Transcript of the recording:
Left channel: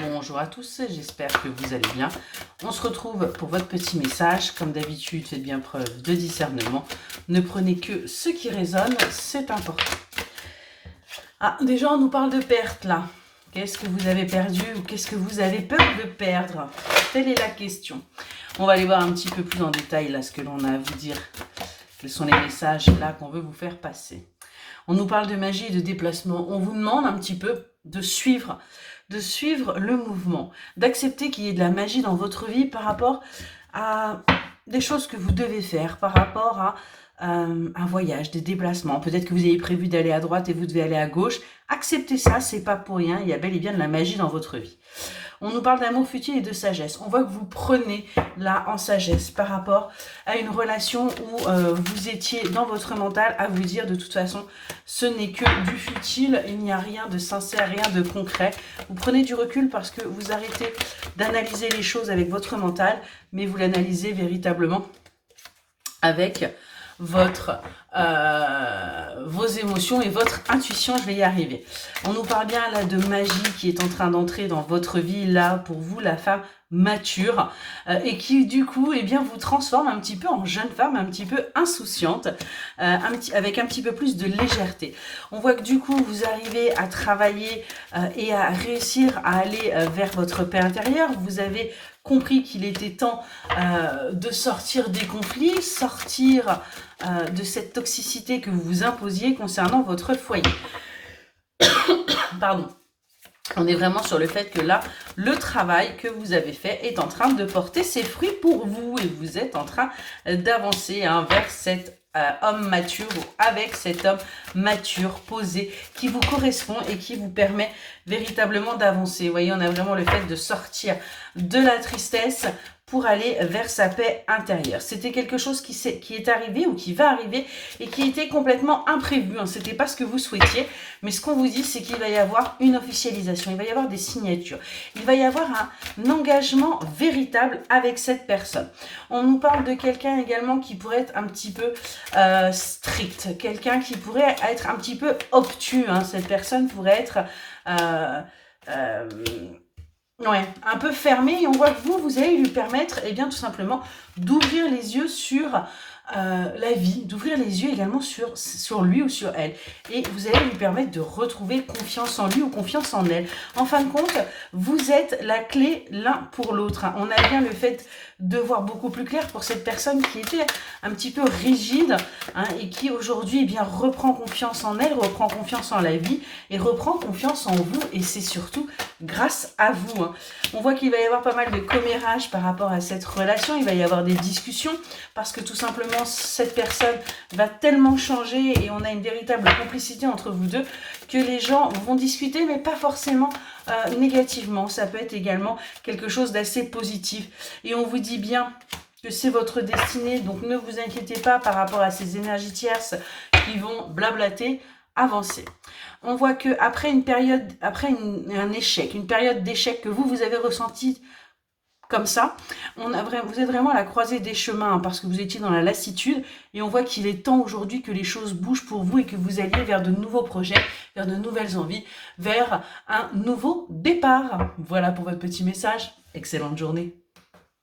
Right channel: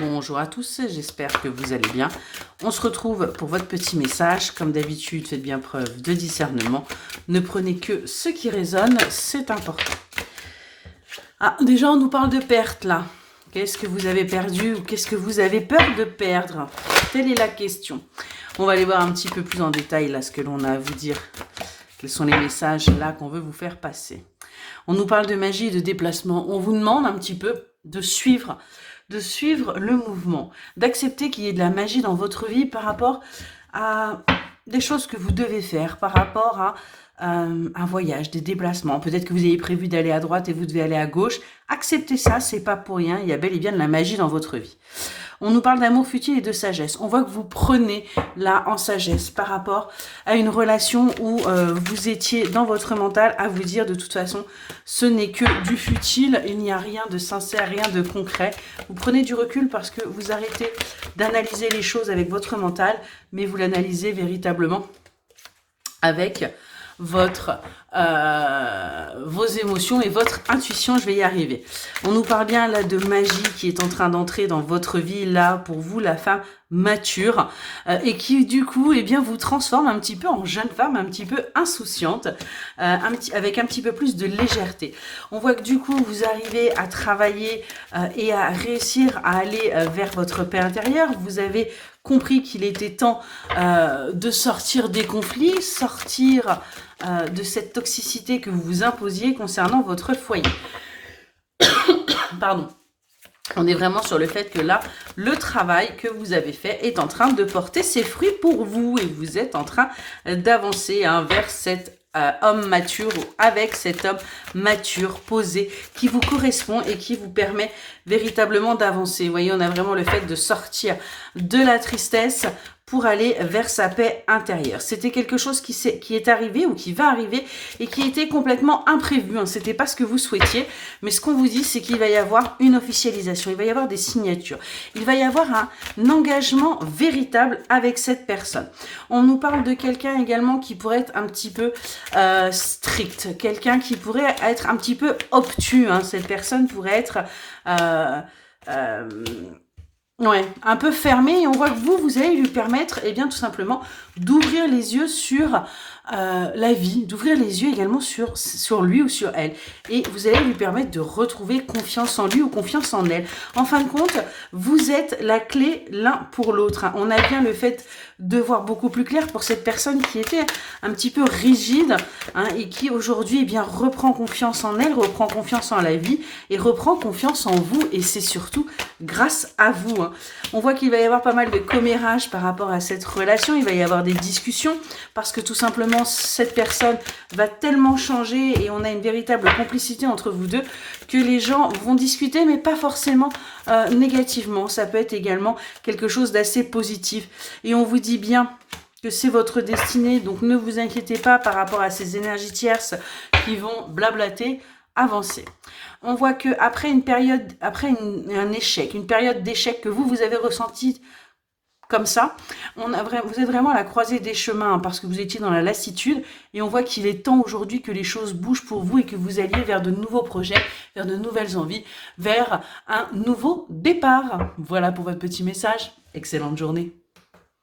Bonjour à tous, j'espère que vous allez bien. On se retrouve pour votre petit message. Comme d'habitude, faites bien preuve de discernement. Ne prenez que ce qui résonne, c'est important. Ah, déjà, on nous parle de perte là. Qu'est-ce que vous avez perdu ou qu'est-ce que vous avez peur de perdre? Telle est la question. On va aller voir un petit peu plus en détail là ce que l'on a à vous dire. Quels sont les messages là qu'on veut vous faire passer? On nous parle de magie et de déplacement. On vous demande un petit peu de suivre le mouvement, d'accepter qu'il y ait de la magie dans votre vie par rapport à des choses que vous devez faire, par rapport à un voyage, des déplacements. Peut-être que vous avez prévu d'aller à droite et vous devez aller à gauche. Acceptez ça, c'est pas pour rien. Il y a bel et bien de la magie dans votre vie. On nous parle d'amour futile et de sagesse. On voit que vous prenez là en sagesse par rapport à une relation où vous étiez dans votre mental à vous dire de toute façon, ce n'est que du futile, il n'y a rien de sincère, rien de concret. Vous prenez du recul parce que vous arrêtez d'analyser les choses avec votre mental, mais vous l'analysez véritablement avec vos émotions et votre intuition. Je vais y arriver. On nous parle bien là de magie qui est en train d'entrer dans votre vie là pour vous, la femme mature, et qui du coup eh bien vous transforme un petit peu en jeune femme un petit peu insouciante, avec un petit peu plus de légèreté. On voit que du coup vous arrivez à travailler et à réussir à aller vers votre paix intérieure. Vous avez compris qu'il était temps de sortir des conflits, sortir de cette toxicité que vous vous imposiez concernant votre foyer. Pardon. On est vraiment sur le fait que là, le travail que vous avez fait est en train de porter ses fruits pour vous et vous êtes en train d'avancer vers cet homme mature ou avec cet homme mature, posé, qui vous correspond et qui vous permet véritablement d'avancer. Vous voyez, on a vraiment le fait de sortir de la tristesse pour aller vers sa paix intérieure. C'était quelque chose qui est arrivé ou qui va arriver et qui était complètement imprévu. C'était pas ce que vous souhaitiez, mais ce qu'on vous dit, c'est qu'il va y avoir une officialisation, il va y avoir des signatures, il va y avoir un engagement véritable avec cette personne. On nous parle de quelqu'un également qui pourrait être un petit peu strict, quelqu'un qui pourrait être un petit peu obtus. Cette personne pourrait être ouais, un peu fermé, et on voit que vous allez lui permettre, eh bien, tout simplement, d'ouvrir les yeux sur la vie, d'ouvrir les yeux également sur lui ou sur elle. Et vous allez lui permettre de retrouver confiance en lui ou confiance en elle. En fin de compte, vous êtes la clé l'un pour l'autre. On a bien le fait de voir beaucoup plus clair pour cette personne qui était un petit peu rigide et qui aujourd'hui eh bien reprend confiance en elle, reprend confiance en la vie et reprend confiance en vous, et c'est surtout grâce à vous. On voit qu'il va y avoir pas mal de commérages par rapport à cette relation, il va y avoir des discussions parce que tout simplement cette personne va tellement changer et on a une véritable complicité entre vous deux que les gens vont discuter, mais pas forcément négativement. Ça peut être également quelque chose d'assez positif et on vous dit bien que c'est votre destinée, donc ne vous inquiétez pas par rapport à ces énergies tierces qui vont blablater. Avancer. On voit que après une période, un échec, une période d'échec que vous avez ressenti comme ça, vous êtes vraiment à la croisée des chemins parce que vous étiez dans la lassitude, et on voit qu'il est temps aujourd'hui que les choses bougent pour vous et que vous alliez vers de nouveaux projets, vers de nouvelles envies, vers un nouveau départ. Voilà pour votre petit message. Excellente journée.